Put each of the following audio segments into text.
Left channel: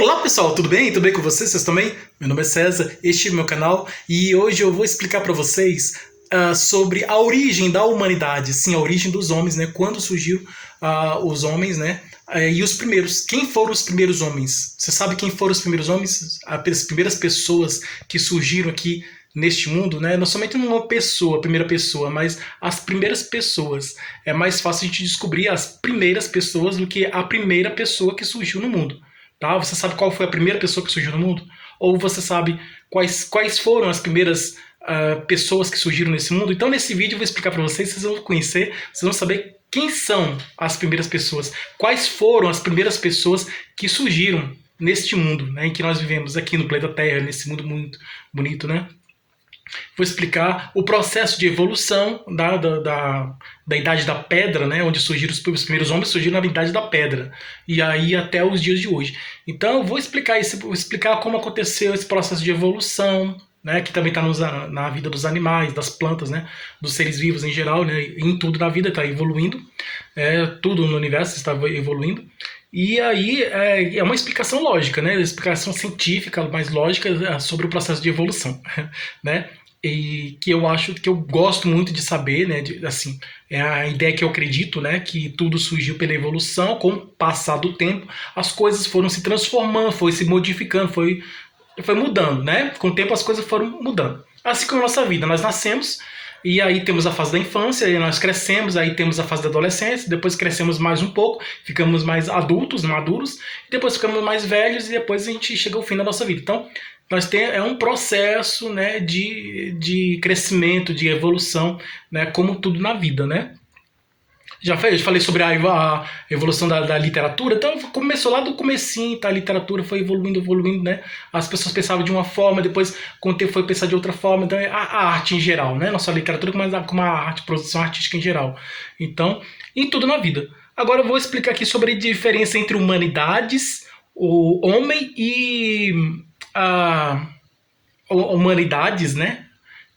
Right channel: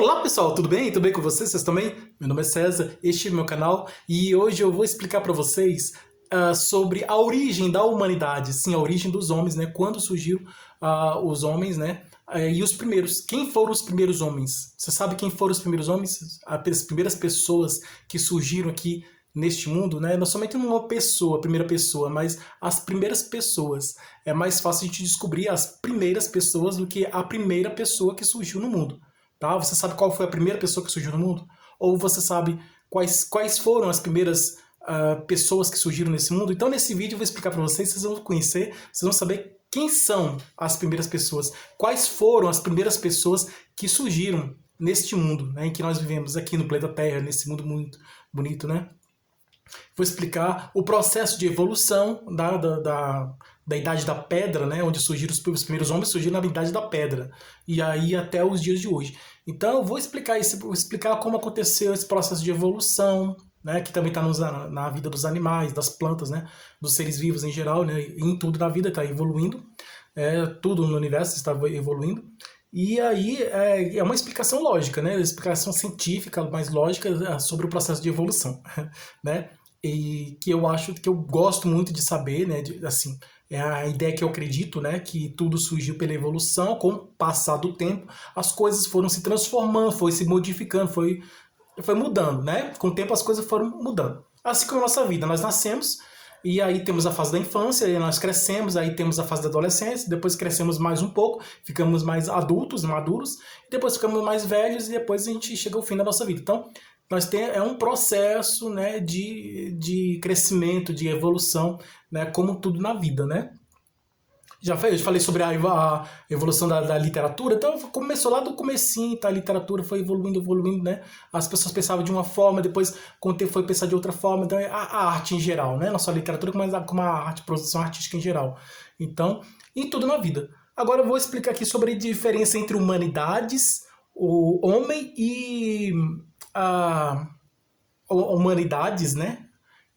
Olá pessoal, tudo bem? Tudo bem com vocês? Vocês também? Meu nome é César, este é o meu canal e hoje eu vou explicar para vocês sobre a origem da humanidade, sim, a origem dos homens, né? Quando surgiu os homens, né? E os primeiros. Quem foram os primeiros homens? Você sabe quem foram os primeiros homens? As primeiras pessoas que surgiram aqui neste mundo, né? Não somente uma pessoa, a primeira pessoa, mas as primeiras pessoas. É mais fácil a gente descobrir as primeiras pessoas do que a primeira pessoa que surgiu no mundo. Tá? Você sabe qual foi a primeira pessoa que surgiu no mundo? Ou você sabe quais foram as primeiras pessoas que surgiram nesse mundo? Então, nesse vídeo eu vou explicar para vocês, vocês vão conhecer, vocês vão saber quem são as primeiras pessoas, quais foram as primeiras pessoas que surgiram neste mundo, né, em que nós vivemos aqui no planeta Terra, nesse mundo muito bonito, né? Vou explicar o processo de evolução da Idade da Pedra, né, onde surgiram os primeiros homens, surgiram na Idade da Pedra, e aí até os dias de hoje. Então eu vou explicar isso, vou explicar como aconteceu esse processo de evolução, né, que também está na vida dos animais, das plantas, né, dos seres vivos em geral, né, em tudo na vida está evoluindo, tudo no universo está evoluindo. E aí é uma explicação lógica, né? Explicação científica, mais lógica sobre o processo de evolução, né? E que eu acho que eu gosto muito de saber, né? Assim, é a ideia que eu acredito, né? Que tudo surgiu pela evolução, com o passar do tempo, as coisas foram se transformando, foi se modificando, foi mudando, né? Com o tempo as coisas foram mudando. Assim como a nossa vida, nós nascemos e aí temos a fase da infância, aí nós crescemos, aí temos a fase da adolescência, depois crescemos mais um pouco, ficamos mais adultos, maduros, depois ficamos mais velhos e depois a gente chega ao fim da nossa vida. Então, é um processo, né, de crescimento, de evolução, né, como tudo na vida, né? Já falei sobre a evolução da literatura, então começou lá do comecinho, tá? A literatura foi evoluindo, né? As pessoas pensavam de uma forma, depois com o tempo foi pensar de outra forma, então a arte em geral, né? Não só a literatura, mas como a arte, produção artística em geral. Então, em tudo na vida. Agora eu vou explicar aqui sobre a diferença entre humanidades, o homem e a humanidades, né?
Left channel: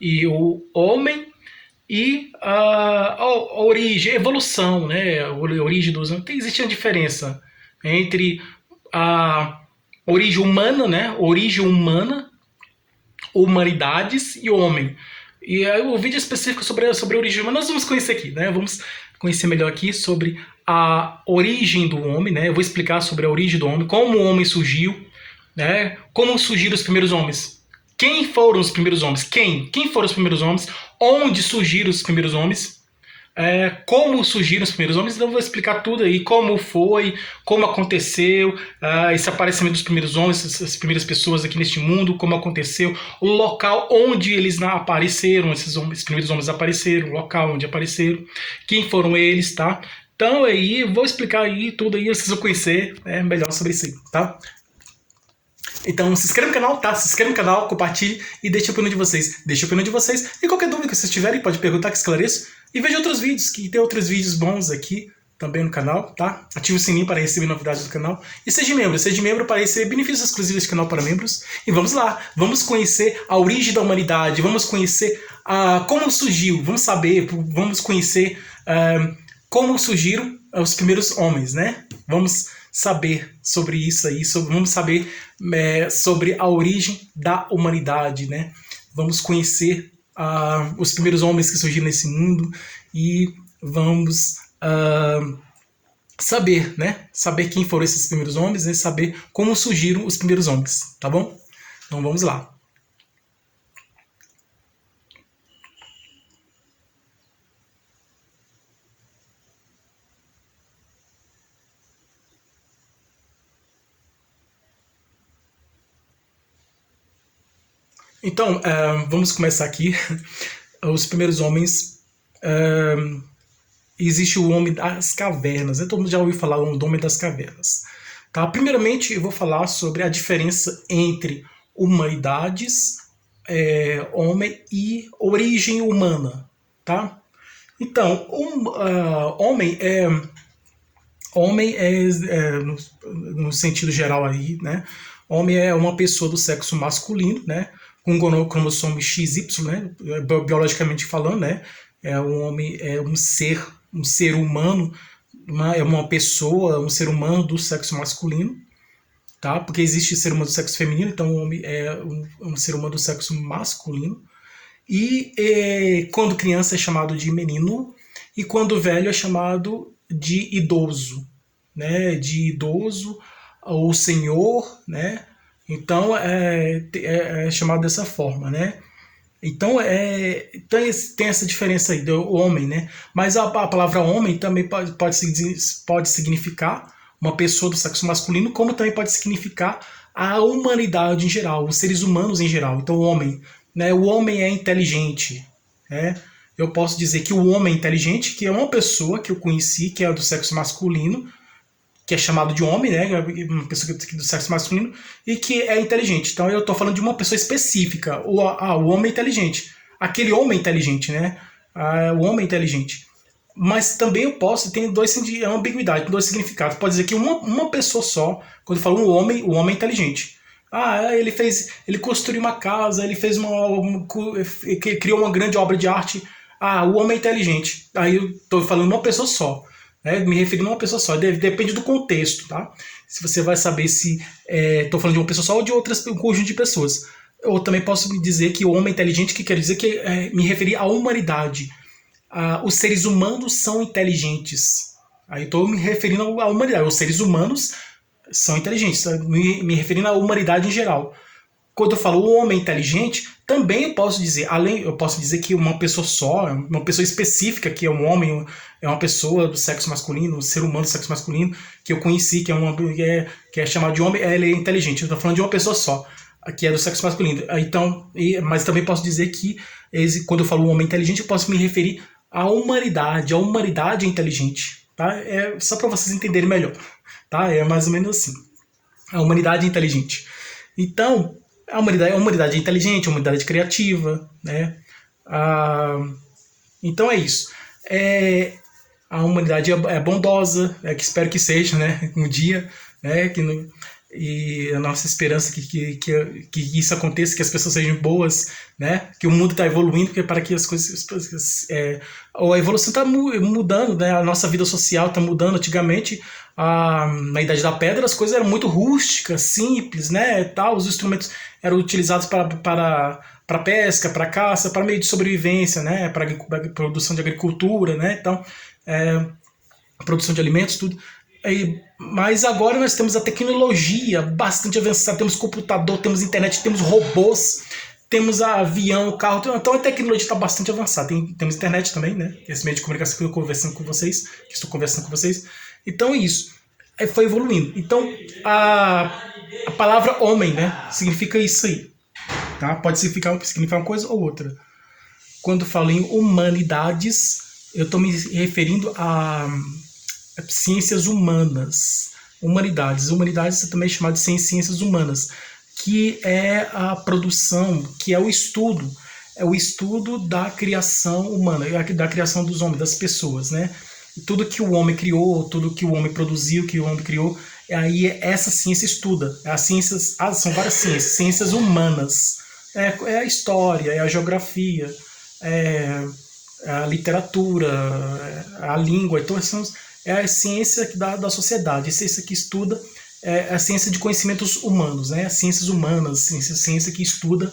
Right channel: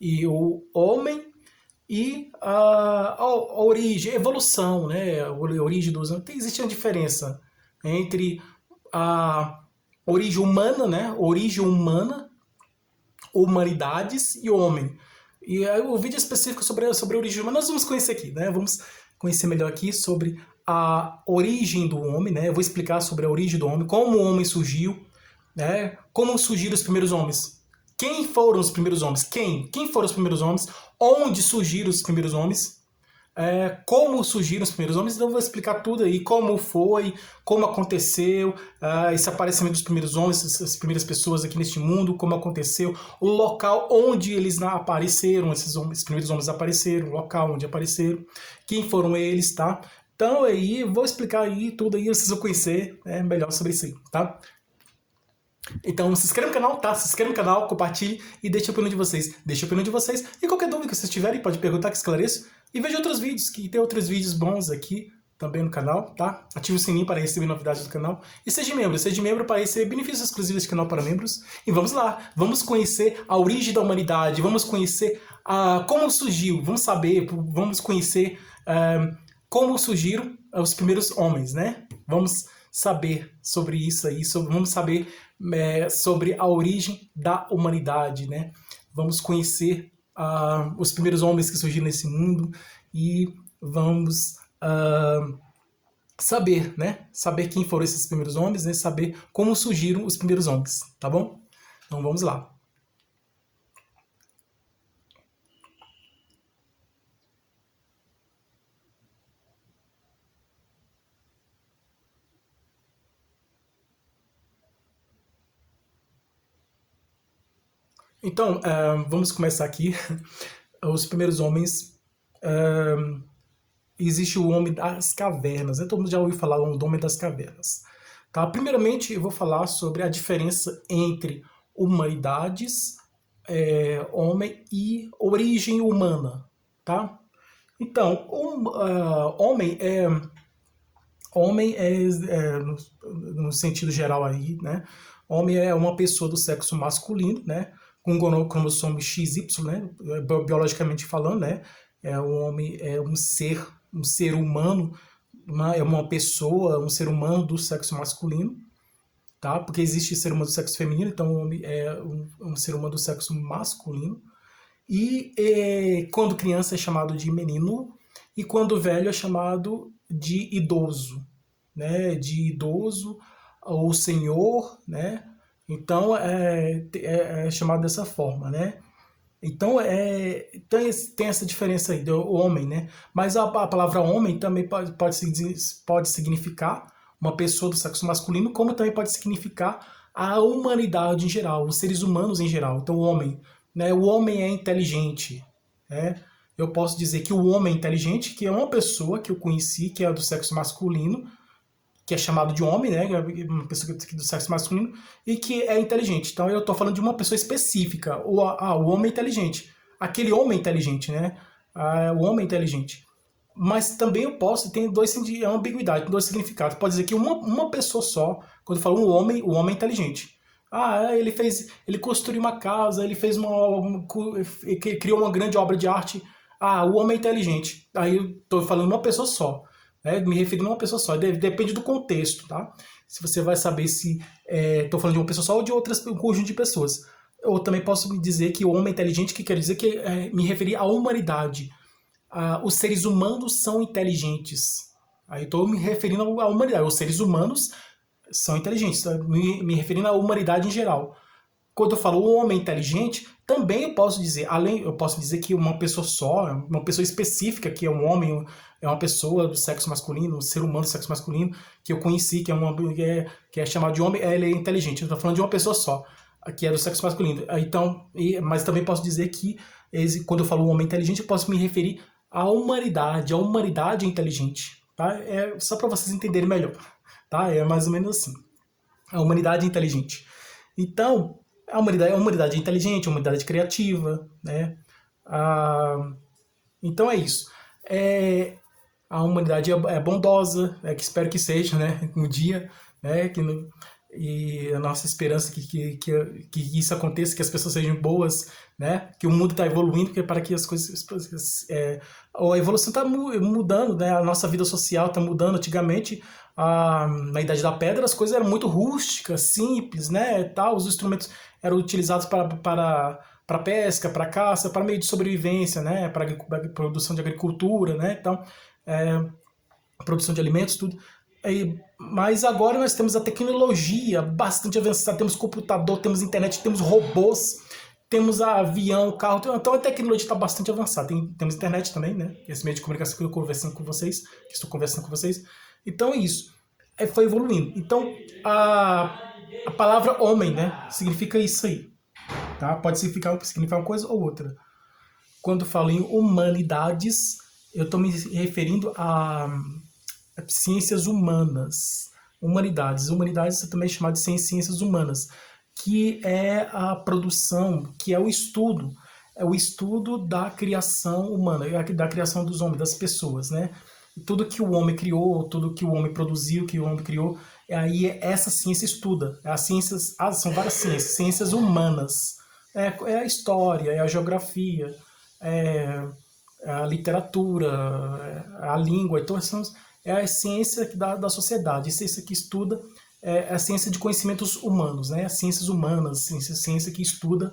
E o homem e a origem, a evolução, né? A origem dos homens. Existe uma diferença entre a origem humana, né? Origem humana, humanidades e homem. E o vídeo específico sobre a origem humana nós vamos conhecer aqui, né? Vamos conhecer melhor aqui sobre a origem do homem, né? Eu vou explicar sobre a origem do homem, como o homem surgiu, né? Como surgiram os primeiros homens. Quem foram os primeiros homens? Quem foram os primeiros homens? Onde surgiram os primeiros homens? Como surgiram os primeiros homens? Então eu vou explicar tudo aí, como foi, como aconteceu, esse aparecimento dos primeiros homens, essas primeiras pessoas aqui neste mundo, como aconteceu, o local onde eles apareceram, esses primeiros homens apareceram, o local onde apareceram, quem foram eles, tá? Então aí, vou explicar aí tudo aí, vocês vão conhecer melhor sobre isso aí, tá? Então se inscreva no canal, tá? Se inscreva no canal, compartilhe e deixe a opinião de vocês. Deixe a opinião de vocês e qualquer dúvida que vocês tiverem, pode perguntar que esclareço. E veja outros vídeos, que tem outros vídeos bons aqui também no canal, tá? Ative o sininho para receber novidades do canal. E seja membro para receber benefícios exclusivos do canal para membros. E vamos lá, vamos conhecer a origem da humanidade, vamos conhecer como surgiu, vamos conhecer como surgiram os primeiros homens, né? Vamos saber sobre isso aí, vamos saber sobre a origem da humanidade, né? Vamos conhecer os primeiros homens que surgiram nesse mundo e vamos saber, né? Saber quem foram esses primeiros homens e saber como surgiram os primeiros homens, tá bom? Então vamos lá. Então, vamos começar aqui. Os primeiros homens. Existe o homem das cavernas. Todo mundo já ouviu falar do homem das cavernas. Tá? Primeiramente, eu vou falar sobre a diferença entre humanidades, homem e origem humana. Tá? Então, homem no sentido geral aí, né? Homem é uma pessoa do sexo masculino, né? Com cromossomo XY, né? Biologicamente falando, né? Um homem é um ser humano, é uma pessoa, um ser humano do sexo masculino. tá? Porque existe ser humano do sexo feminino, então o homem é um ser humano do sexo masculino. E quando criança é chamado de menino, e quando velho é chamado de idoso, né? De idoso ou senhor, né? Então é chamado dessa forma, né? Então, tem essa diferença aí do homem, né? Mas a palavra homem também pode significar uma pessoa do sexo masculino, como também pode significar a humanidade em geral, os seres humanos em geral. Então, o homem, né? O homem é inteligente, né? Eu posso dizer que o homem é inteligente, que é uma pessoa que eu conheci, que é do sexo masculino, que é chamado de homem, né? Uma pessoa do sexo masculino, e que é inteligente. Então eu estou falando de uma pessoa específica. O homem inteligente. Aquele homem inteligente, né? O homem inteligente. Mas também eu posso, tem é uma ambiguidade, tem dois significados. Pode dizer que uma pessoa só, quando eu falo o homem é inteligente. Ele construiu uma casa, ele criou uma grande obra de arte. O homem é inteligente. Aí eu estou falando uma pessoa só. Me referindo a uma pessoa só, depende do contexto, tá? Se você vai saber se estou falando de uma pessoa só ou de um conjunto de pessoas. Eu também posso dizer que o homem inteligente, que quer dizer que me referir à humanidade. Os seres humanos são inteligentes. Aí estou me referindo à humanidade. Os seres humanos são inteligentes, me referindo à humanidade em geral. Quando eu falo o homem inteligente, também eu posso dizer que uma pessoa só, uma pessoa específica, que é um homem, é uma pessoa do sexo masculino, um ser humano do sexo masculino, que eu conheci, que é chamado de homem, ele é inteligente. Eu estou falando de uma pessoa só, que é do sexo masculino. Então, mas também posso dizer que, quando eu falo homem inteligente, eu posso me referir à humanidade. A humanidade é inteligente. Tá? É só para vocês entenderem melhor. Tá? É mais ou menos assim. A humanidade é inteligente. Então, a humanidade é inteligente, a humanidade é criativa, né? Então é isso. A humanidade é bondosa, que espero que seja, né? Um dia, né? E a nossa esperança que isso aconteça, que as pessoas sejam boas, né? Que o mundo está evoluindo, porque para que as coisas... a evolução está mudando, né? A nossa vida social está mudando. Antigamente, na Idade da Pedra, as coisas eram muito rústicas, simples, né? Tal, os instrumentos eram utilizados para pesca, para caça, para meio de sobrevivência, né? Para produção de agricultura, né? Então, produção de alimentos, tudo. Mas agora nós temos a tecnologia bastante avançada, temos computador, temos internet, temos robôs, temos avião, carro, então a tecnologia está bastante avançada. Temos internet também, né? Esse meio de comunicação que estou conversando com vocês. Então é isso. Foi evoluindo. Então a palavra homem, né? Significa isso aí. Tá? Pode significar uma coisa ou outra. Quando falo em humanidades, eu estou me referindo a ciências humanas. Humanidades também é chamado de ciências humanas, que é a produção, que é o estudo da criação humana, da criação dos homens, das pessoas, né? Tudo que o homem criou, tudo que o homem produziu, que o homem criou, aí essa ciência estuda. São várias ciências humanas. É a história, é a geografia, é a literatura, a língua. Então, é a ciência da sociedade, a ciência que estuda, a ciência de conhecimentos humanos, né? As ciências humanas, ciência que estuda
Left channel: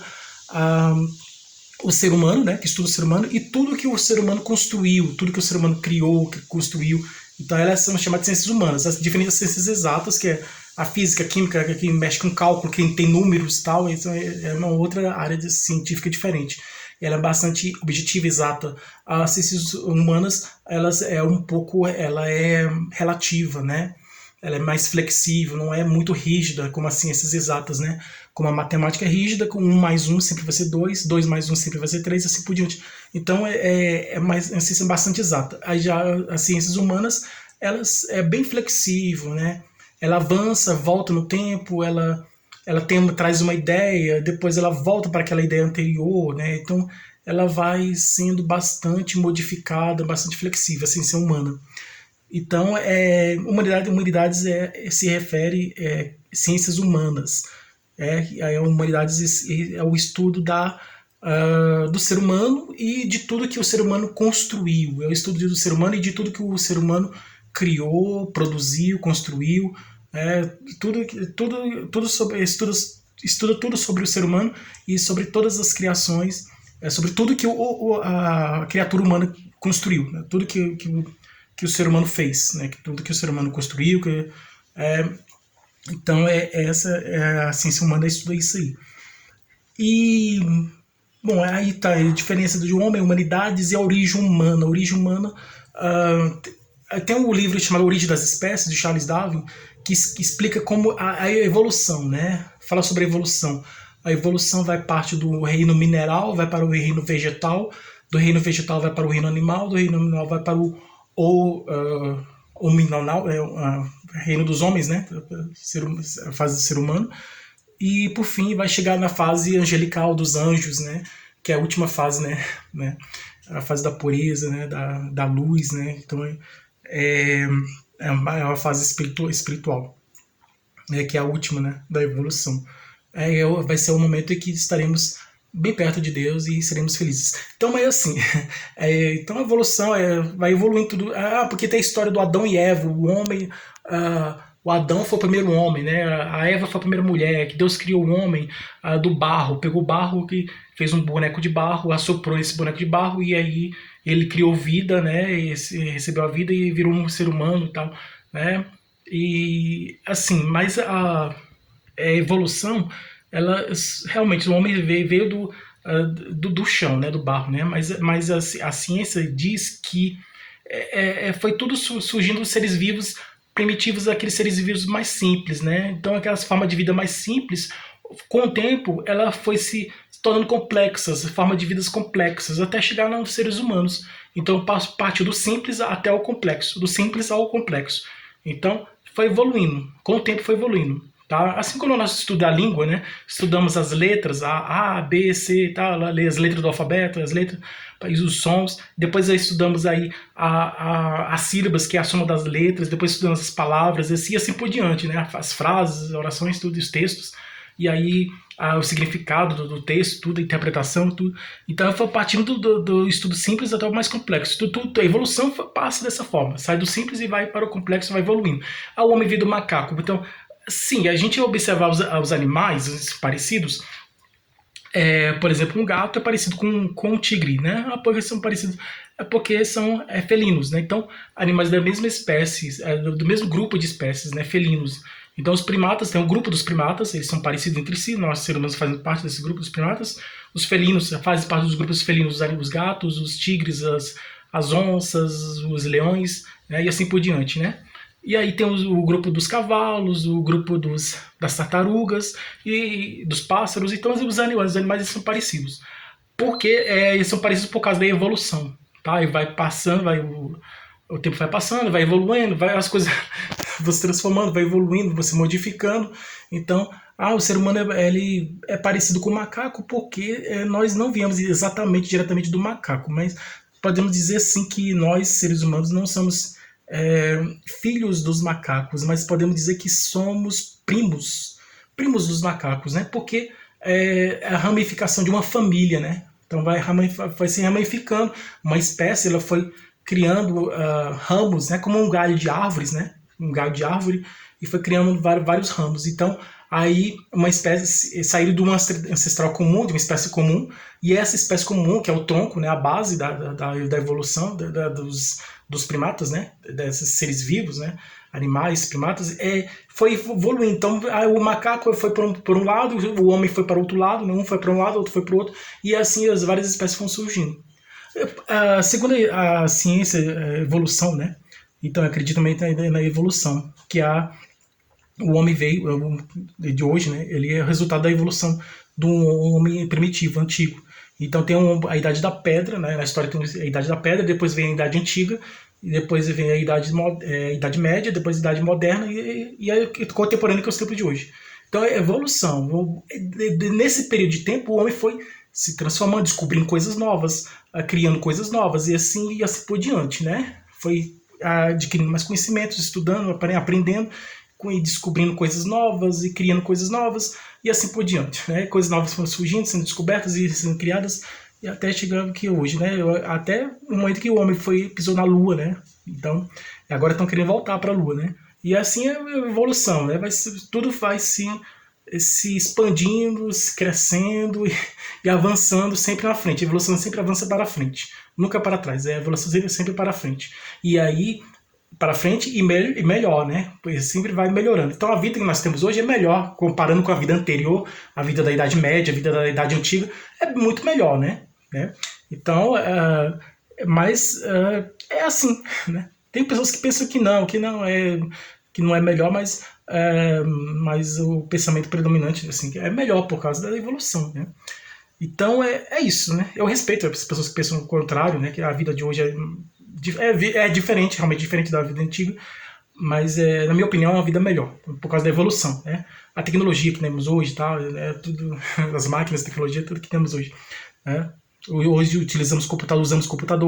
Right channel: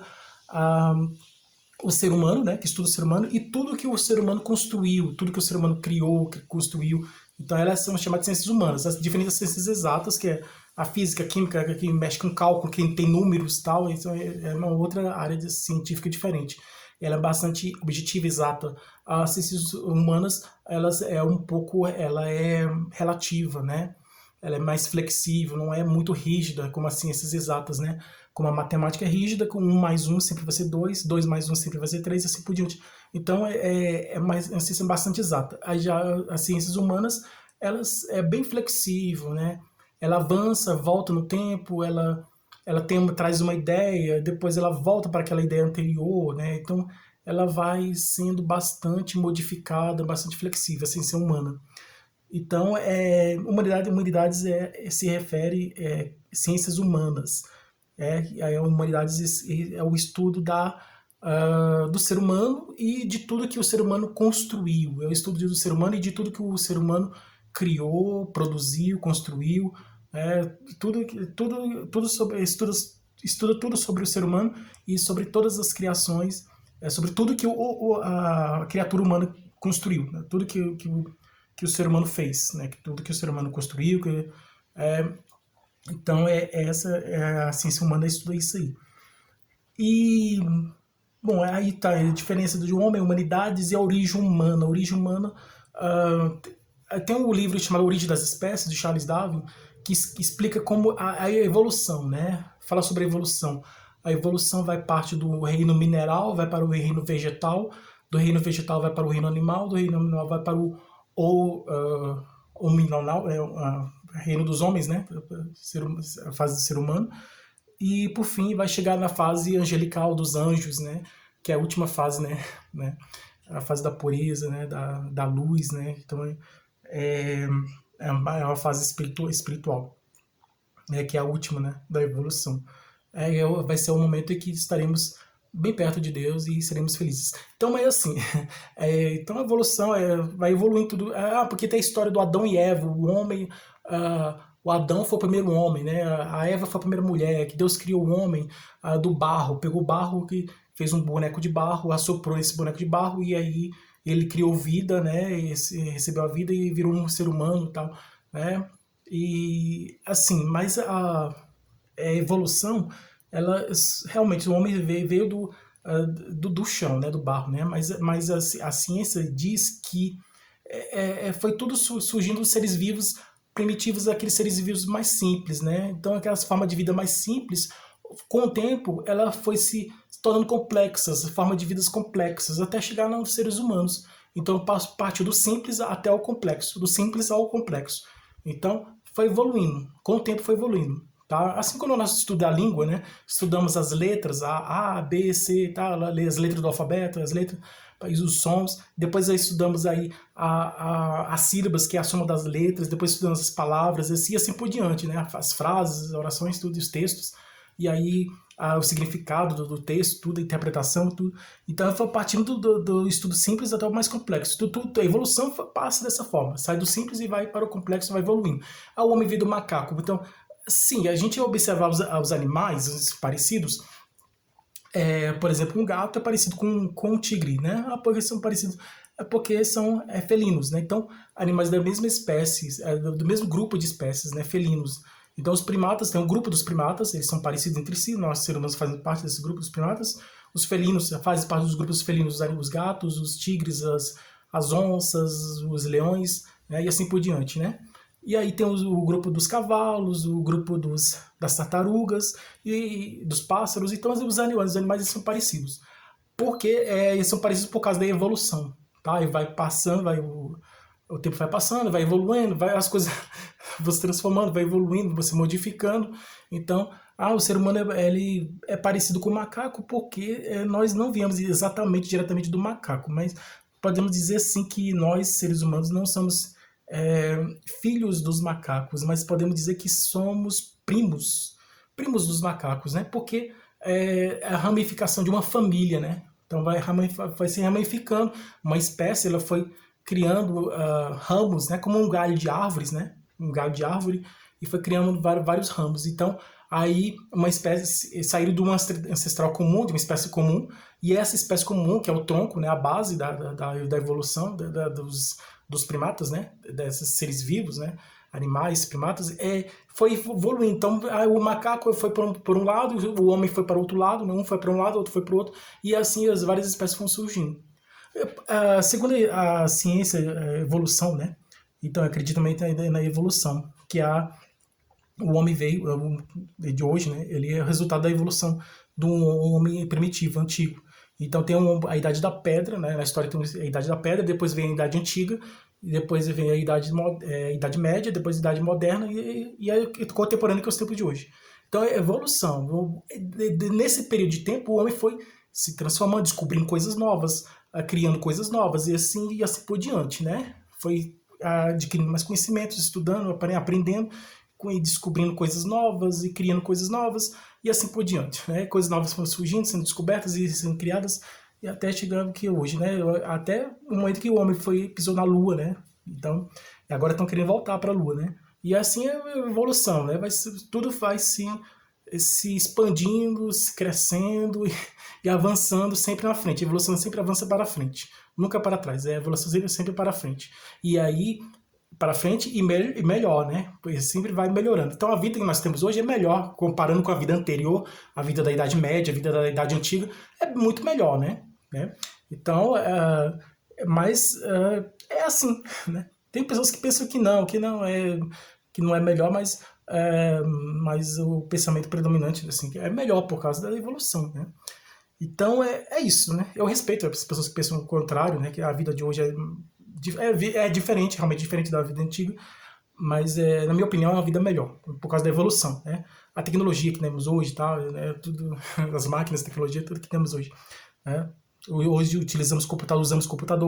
o ser humano, né? Que estuda o ser humano e tudo que o ser humano construiu, tudo que o ser humano criou, que construiu. Então elas são chamadas de ciências humanas, as diferentes ciências exatas, que é a física, a química, que mexe com cálculo, que tem números e tal, isso é uma outra área científica diferente. Ela é bastante objetiva, exata. As ciências humanas, ela é relativa, né? Ela é mais flexível, não é muito rígida como as ciências exatas, né? Como a matemática é rígida, com 1 mais 1 sempre vai ser 2, 2 mais 1 sempre vai ser 3, assim por diante. Então é uma ciência bastante exata. Aí já as ciências humanas, elas é bem flexível, né? Ela avança, volta no tempo, ela traz uma ideia, depois ela volta para aquela ideia anterior, né? Então ela vai sendo bastante modificada, bastante flexível, a ciência humana. Então, humanidades se refere a ciências humanas. Humanidades é o estudo do ser humano e de tudo que o ser humano construiu. É o estudo do ser humano e de tudo que o ser humano criou, produziu, construiu, Tudo sobre estuda tudo sobre o ser humano e sobre todas as criações, sobre tudo que a criatura humana construiu, né? Tudo que o ser humano fez, né? Tudo que o ser humano construiu. É, então, a ciência humana estuda isso aí. E, bom, aí tá a diferença do homem, humanidades e a origem humana. A origem humana, tem um livro chamado Origem das Espécies, de Charles Darwin, que explica como a evolução, né? Fala sobre a evolução. A evolução vai parte do reino mineral, vai para o reino vegetal, do reino vegetal vai para o reino animal, do reino animal vai para o mineral, reino dos homens, né? A fase do ser humano. E por fim vai chegar na fase angelical dos anjos, né? Que é a última fase, né? A fase da pureza, né? Da luz, né? Então é uma fase espiritual, né? Que é a última, né? Da evolução. Vai ser o momento em que estaremos bem perto de Deus e seremos felizes. Então, mas assim, então a evolução vai evoluindo tudo. Porque tem a história do Adão e Eva, o homem. O Adão foi o primeiro homem, né? A Eva foi a primeira mulher, que Deus criou o homem do barro, pegou o barro, que fez um boneco de barro, assoprou esse boneco de barro e aí ele criou vida, né? E recebeu a vida e virou um ser humano e tal, né? E assim, mas a evolução, ela realmente o homem veio do chão, né? Do barro, né? Mas a ciência diz que foi tudo surgindo dos seres vivos primitivos, aqueles seres vivos mais simples, né? Então aquelas formas de vida mais simples, com o tempo ela foi se tornando complexas, formas de vidas complexas, até chegar nos seres humanos. Então partiu do simples até o complexo, do simples ao complexo. Então foi evoluindo, com o tempo foi evoluindo. Tá? Assim como nós estudamos a língua, né? Estudamos as letras, A, B, C, tá? As letras do alfabeto, as letras e os sons. Depois estudamos aí as sílabas, que é a soma das letras. Depois estudamos as palavras, assim por diante, né? As frases, as orações, tudo, os textos. E aí o significado do texto, tudo, a interpretação, tudo. Então foi partindo do estudo simples até o mais complexo. A evolução passa dessa forma, sai do simples e vai para o complexo, vai evoluindo. O homem veio do macaco. Então, sim, a gente observar os animais os parecidos, por exemplo, um gato é parecido com um tigre, né? Porque são parecidos, porque são felinos, né? Então, animais da mesma espécie, do mesmo grupo de espécies, né? Felinos. Então, os primatas, tem um grupo dos primatas, eles são parecidos entre si, nós seres humanos fazemos parte desse grupo dos primatas. Os felinos fazem parte dos grupos felinos, os gatos, os tigres, as onças, os leões, né? E assim por diante, né? E aí tem o grupo dos cavalos, o grupo das tartarugas e dos pássaros. Então os animais são parecidos. Porque eles são parecidos por causa da evolução. Tá? E vai passando, o tempo vai passando, vai evoluindo, as coisas vão se transformando, vai evoluindo, vai se modificando. Então, o ser humano ele é parecido com o macaco porque nós não viemos exatamente, diretamente do macaco. Mas podemos dizer sim que nós, seres humanos, não somos filhos dos macacos, mas podemos dizer que somos primos dos macacos, né? Porque é a ramificação de uma família, né? Então vai se ramificando, uma espécie ela foi criando ramos, né? Como um galho de árvores, né? Um galho de árvore e foi criando vários ramos. Então aí uma espécie saiu de uma ancestral comum, de uma espécie comum, e essa espécie comum, que é o tronco, né? A base da evolução dos primatas, né? Desses seres vivos, né? Animais, primatas, foi evoluindo. Então, o macaco foi por um lado, o homem foi para o outro lado, um foi para um lado, o outro foi para o outro, e assim as várias espécies foram surgindo. Segundo a ciência, a evolução, né? Então, eu acredito também na evolução, que o homem veio, de hoje, né? Ele é o resultado da evolução do homem primitivo, antigo. Então tem a Idade da Pedra, né? Na história tem a Idade da Pedra, depois vem a Idade Antiga, e depois vem a Idade Média, depois a Idade Moderna e a contemporânea, que é os tempos de hoje. Então é evolução. Nesse período de tempo, o homem foi se transformando, descobrindo coisas novas, criando coisas novas, e assim por diante, né? Foi adquirindo mais conhecimentos, estudando, aprendendo, e descobrindo coisas novas e criando coisas novas e assim por diante, né? Coisas novas foram surgindo, sendo descobertas e sendo criadas e até chegando aqui hoje, né? Até o momento que o homem pisou na Lua, né? Então, agora estão querendo voltar para a Lua, né? E assim é a evolução, né? Tudo vai se expandindo, se crescendo e avançando sempre na frente. A evolução sempre avança para frente, nunca para trás. A evolução sempre para frente. E aí, para frente e melhor, né? Pois sempre vai melhorando. Então a vida que nós temos hoje é melhor, comparando com a vida anterior, a vida da Idade Média, a vida da Idade Antiga, é muito melhor, né? Então, mas é assim, né? Tem pessoas que pensam que não é melhor, mas o pensamento predominante assim, é melhor por causa da evolução, né? Então é isso, né? Eu respeito as pessoas que pensam o contrário, né? Que a vida de hoje é diferente, realmente diferente da vida antiga, mas na minha opinião é uma vida melhor, por causa da evolução, né? A tecnologia que temos hoje, tá? Tudo, as máquinas, a tecnologia, tudo que temos hoje, né? Hoje usamos computador,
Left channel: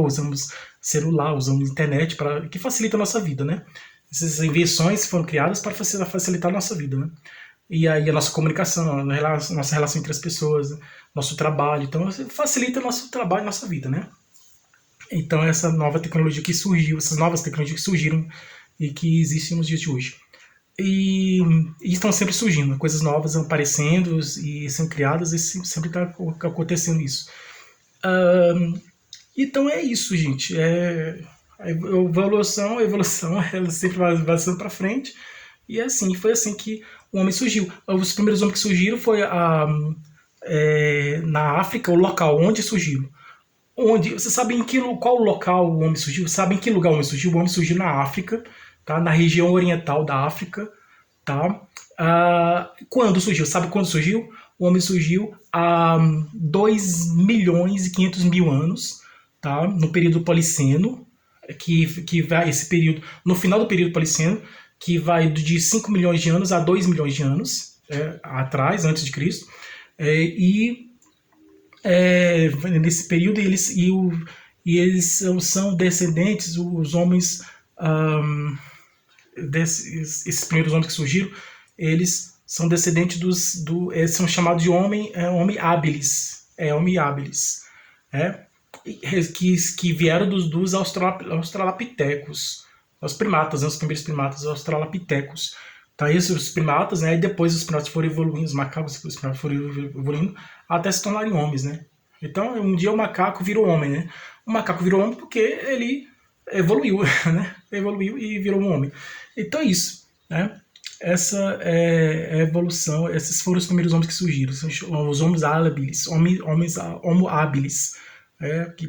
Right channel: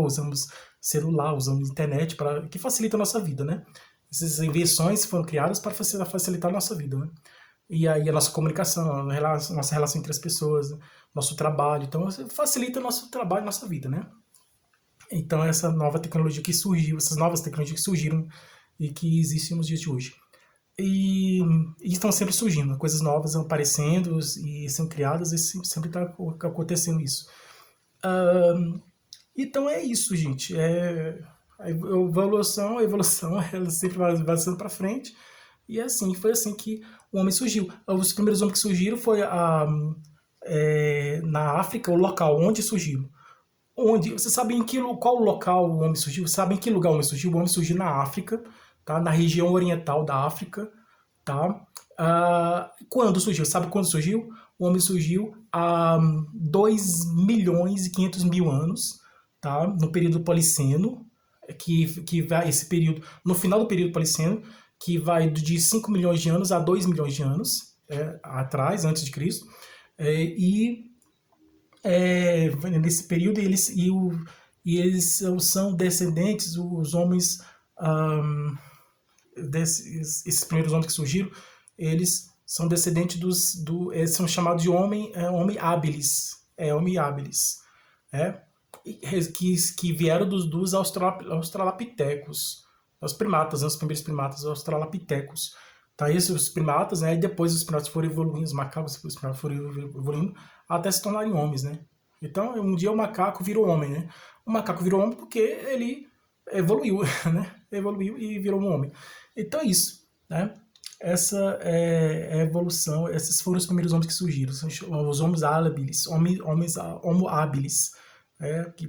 usamos celular, usamos internet que facilita a nossa vida, né? Essas invenções foram criadas para facilitar a nossa vida, né? E aí a nossa comunicação, a nossa relação entre as pessoas, nosso trabalho, então facilita o nosso trabalho, nossa vida, né? Então essa nova tecnologia que surgiu, essas novas tecnologias que surgiram e que existem nos dias de hoje. E estão sempre surgindo, coisas novas aparecendo e sendo criadas, e sempre está acontecendo isso. Então é isso, gente. A evolução, ela sempre vai avançando para frente. E foi assim que o homem surgiu. Os primeiros homens que surgiram foi na África, o local onde surgiram. Você sabe qual local o homem surgiu? Sabe em que lugar o homem surgiu? O homem surgiu na África, tá? Na região oriental da África, tá? Quando surgiu? Sabe quando surgiu? O homem surgiu há 2.500.000 anos, tá? No período Policeno, que vai esse período, no final do período Policeno, que vai de 5 milhões de anos a 2 milhões de anos atrás, antes de Cristo. Nesse período eles são descendentes, os homens, esses primeiros homens que surgiram, eles são descendentes eles são chamados de homem habilis, homem habilis, que vieram dos australopitecos, os primatas, né, os primeiros primatas, os australopitecos. Tá, esses os primatas, né, e depois os primatas foram evoluindo, os macacos os primatas foram evoluindo até se tornarem homens, né? Então, um dia o macaco virou homem, né? O macaco virou homem porque ele evoluiu, né? Evoluiu e virou um homem. Então é isso, né? Essa é a evolução, esses foram os primeiros homens que surgiram, os homens habilis, homens homo habilis, que